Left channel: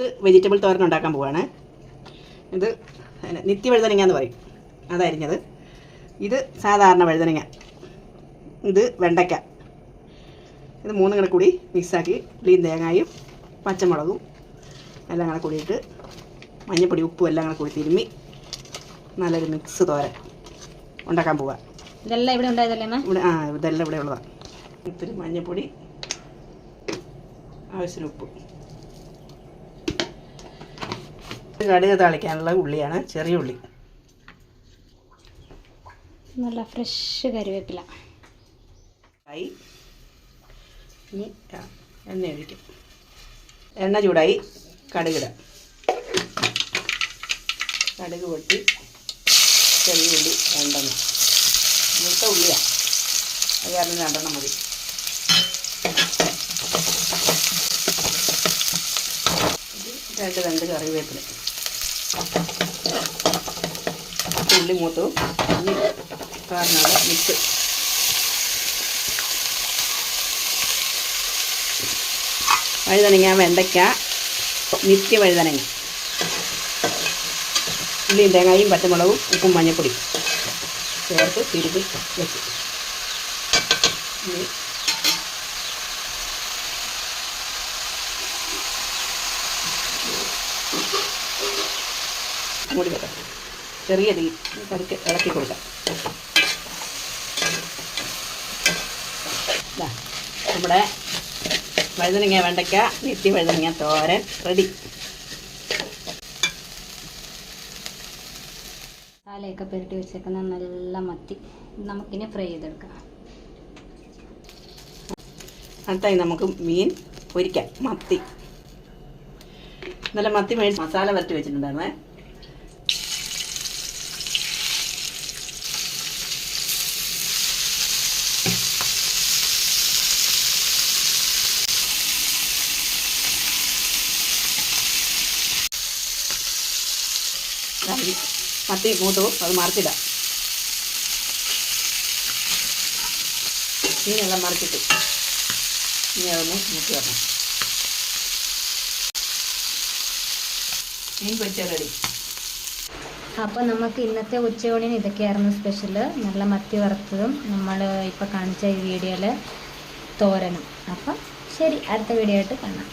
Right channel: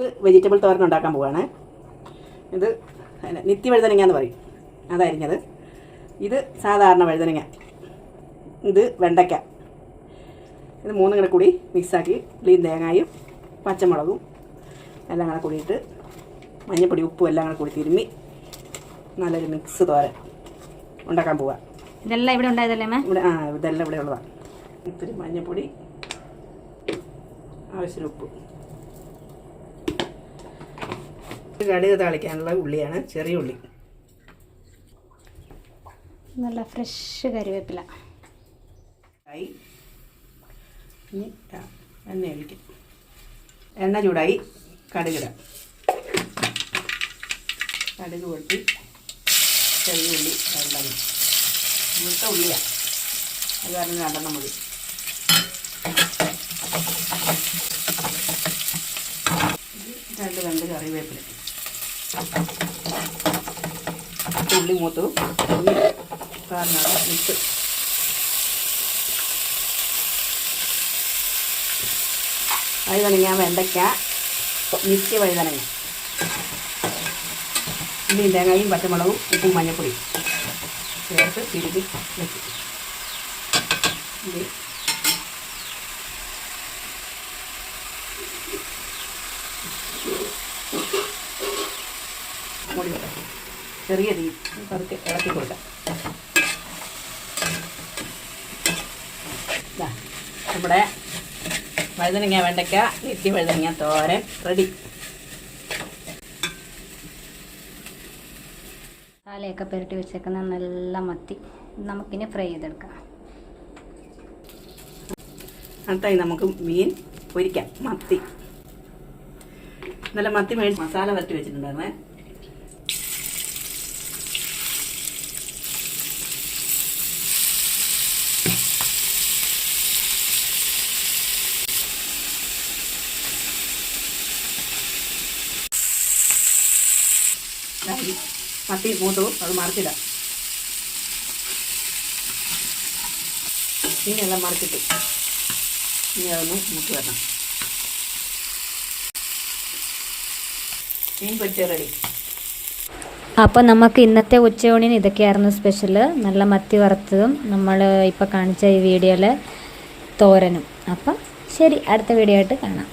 ഇത് വെജിറ്റബിൾ തോരൻ ഉണ്ടാക്കാൻ പോവുകയാണ് ഇത് നിത്യ വഴുതനങ്ങ എന്ന് പറയും. അതരിഞ്ഞത്. ഇത് സാധാരണ വഴുതനങ്ങ. ഇത് വെണ്ടയ്ക്ക. ഇത് മൂന്നും കൂടെ കൂടി മിക്സാക്കി ക്ലീൻ തേങ്ങായും പച്ചമുളകും എല്ലാം കൂടെ കൂടിയിട്ട് മഞ്ഞപ്പൊടി ഉപ്പും എല്ലാം കൂടെ കൂടി തിരുമ്മി നല്ലൊരു മിക്സ് തോരൻ ഉണ്ടാക്കാൻ പോവുക ഇതെല്ലാം ഇവിടെ ഉണ്ടായതല്ലേ ഇവിടെ ആ ഇതെല്ലാം ഇവിടെ ഉള്ളതാണ് ഇത്തിരി മഞ്ഞപ്പൊടി ആവശ്യത്തിന് ഉപ്പ്. കടുക് താളിക്കാനുള്ള ഉള്ളിയാണ് ചെറിയ ഉള്ളി. നല്ല ഫ്രഷ് കറിവേപ്പില. ആയി ഇനി എണ്ണ ഒഴിക്കാം. എണ്ണ ചൂടായി കടുകിടാം. കടുക് പൊട്ടി ചെറിയ ഉള്ളി രണ്ടെണ്ണം. ഇവിടുത്തെ ഉള്ളിയാണ് അത് കാരണം രണ്ടെണ്ണം മതി. രണ്ട് രണ്ട് കറിവേപ്പില. ഉള്ളി മൂത്തു ഉള്ളി കാരണം മിക്സ്. വഴുതനങ്ങ വെണ്ടയ്ക്ക നിത്യ വഴുതനങ്ങ. ഉള്ളിയും തേങ്ങയും പച്ചമുളകും ഉപ്പും മഞ്ഞപ്പൊടി ചേർത്ത് തിരുതി വെച്ച് ഇനി മൂടി ചെറിയ തീ പതുക്കെ ഇളക്കി കൊടുക്കാം. നമ്മുടെ വഴുതനങ്ങ വെണ്ടയ്ക്ക നെറ്റി വഴുതനങ്ങ തോരൻ റെഡി മസാലയൊക്കെ പുരട്ടി വെച്ചേക്കുന്ന നല്ല മത്തി. നമുക്കിനി ഫ്രൈ ചെയ്തെടുക്കാം. അടുത്തായി നമുക്ക് മീൻ പൊരിക്കാം. മത്തി. നല്ല മത്തി മേടിച്ച് മസാല വരട്ടി വെച്ചിട്ടുണ്ടായിരുന്നേ. ദാ കത്തി മൂത്തു അത് മറിച്ചിടാം. മീനെല്ലാം മറിച്ചിട്ടു ഇനി അതൊന്ന് മുട്ടി വരണം മീൻ പൊരിച്ച റെഡി. അപ്പോൾ നമുക്ക് ഇന്നത്തെ ഉച്ചയൂണിന് ഇതൊക്കെയായിരുന്നു സ്പെഷ്യൽ നല്ല മത്തി വറുത്തതും നമ്മൾ ഇപ്പോൾ കാണിച്ച ഈ വീഡിയോയിലെ തോരനും. അപ്പം ശരി അടുത്ത വീഡിയോ ആയിട്ട് കാണാം.